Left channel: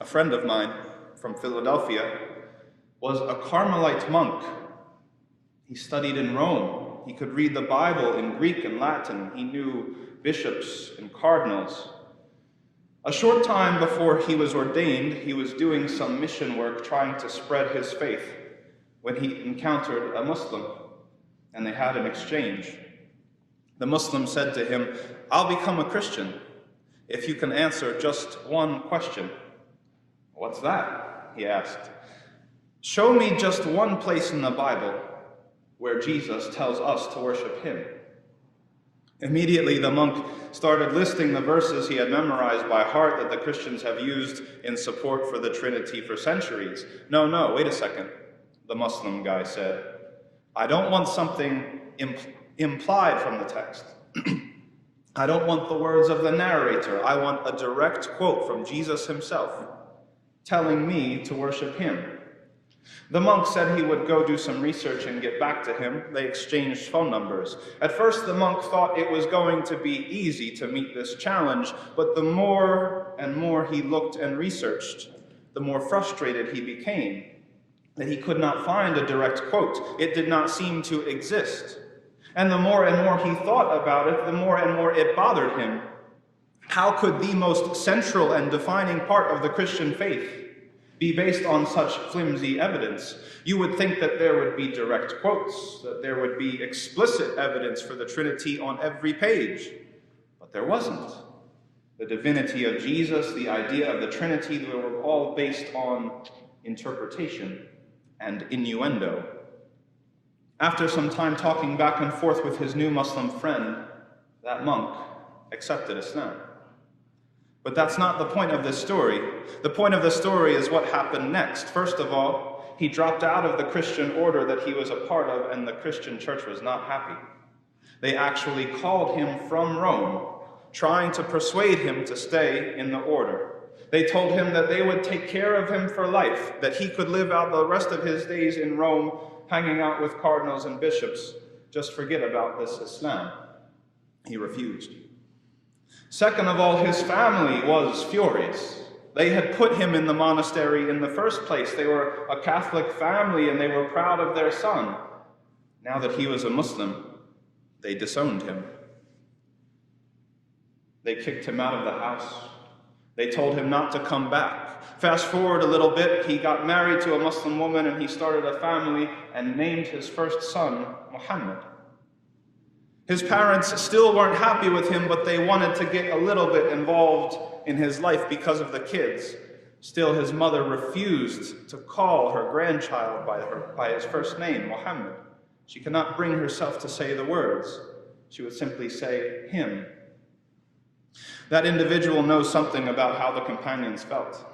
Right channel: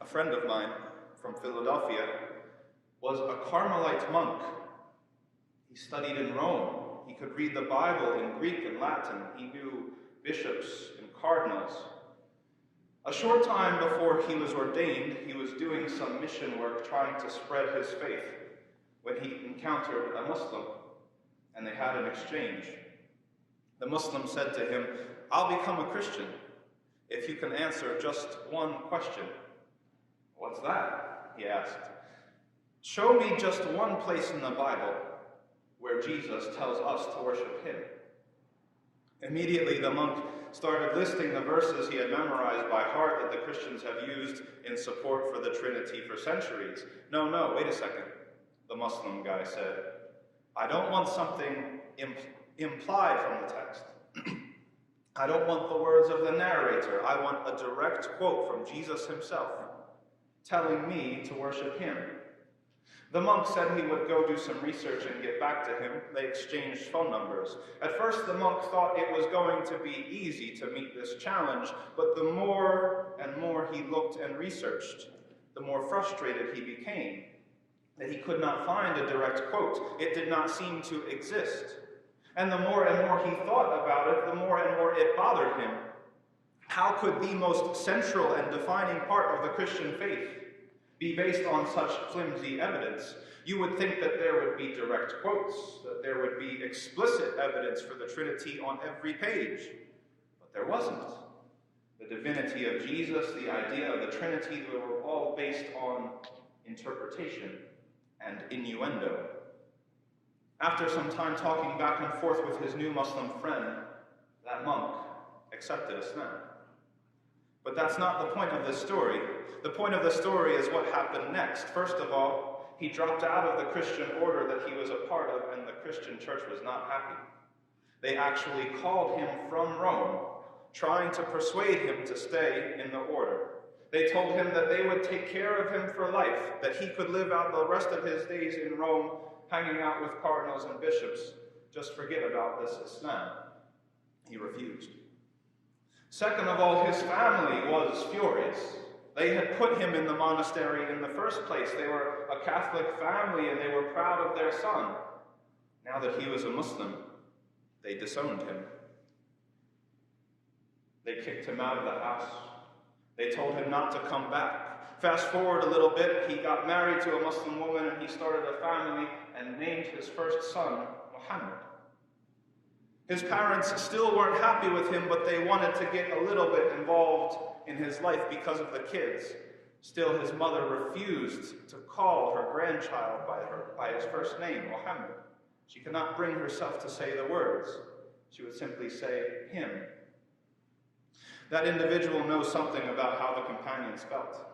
A friend of mine from Philadelphia was a Carmelite monk. He studied in Rome. He could read the Bible in Greek and Latin. He knew bishops and cardinals. A short time before he was ordained, he was doing some mission work trying to spread his faith when he encountered a Muslim, and they had an exchange. The Muslim said to him, "I'll become a Christian if you can answer just one question." "What's that?" he asked. "Show me just one place in the Bible where Jesus tells us to worship him." Immediately, the monk started listing the verses he had memorized by heart that the Christians have used in support for the Trinity for centuries. No, wait a second, the Muslim guy said. "I don't want something implied from the text. I don't want the words of the narrator. I want a direct quote from Jesus himself, telling me to worship him." The monk said he would go do some research and get back to him. They exchanged phone numbers. At first, the monk thought it was going to be easy to meet this challenge, but the more and more he looked and researched, the more frustrated he became that he could not find a direct quote. It did not seem to exist. And the more he thought about it, the more and more it bothered him. How could the most central and defining part of the Christian faith be based on such flimsy evidence? You would think that there would be direct quotes, that there would be explicit evidence for the Trinity on every page. But there wasn't. The divinity of Jesus, the idea of the Trinity, they were all based on interpretation and innuendo. After some time talking back and forth with his new Muslim friend, that monk accepted Islam. But that's not the point of this story. The point of the story is what happened next. First of all, he dropped out of the Christian order that he was a part of, and the Christian church was not happy. They actually called him from Rome, trying to persuade him to stay in the order. They told him that they would take care of him for life, that he could live out the rest of his days in Rome, hanging out with cardinals and bishops. Just forget about this Islam. He refused. Second of all, his family was furious. They had put him in the monastery in the first place. They were a Catholic family and they were proud of their son. Now that he was a Muslim, they disowned him. They kicked him out of the house. They told him not to come back. Fast forward a little bit, he got married to a Muslim woman and he started a family and named his first son Muhammad. His parents still weren't happy with him, but they wanted to get a little bit involved in his life because of the kids. Still, his mother refused to call her grandchild by his first name, Muhammad. She could not bring herself to say the words. She would simply say him. That individual knows something about how the companions felt.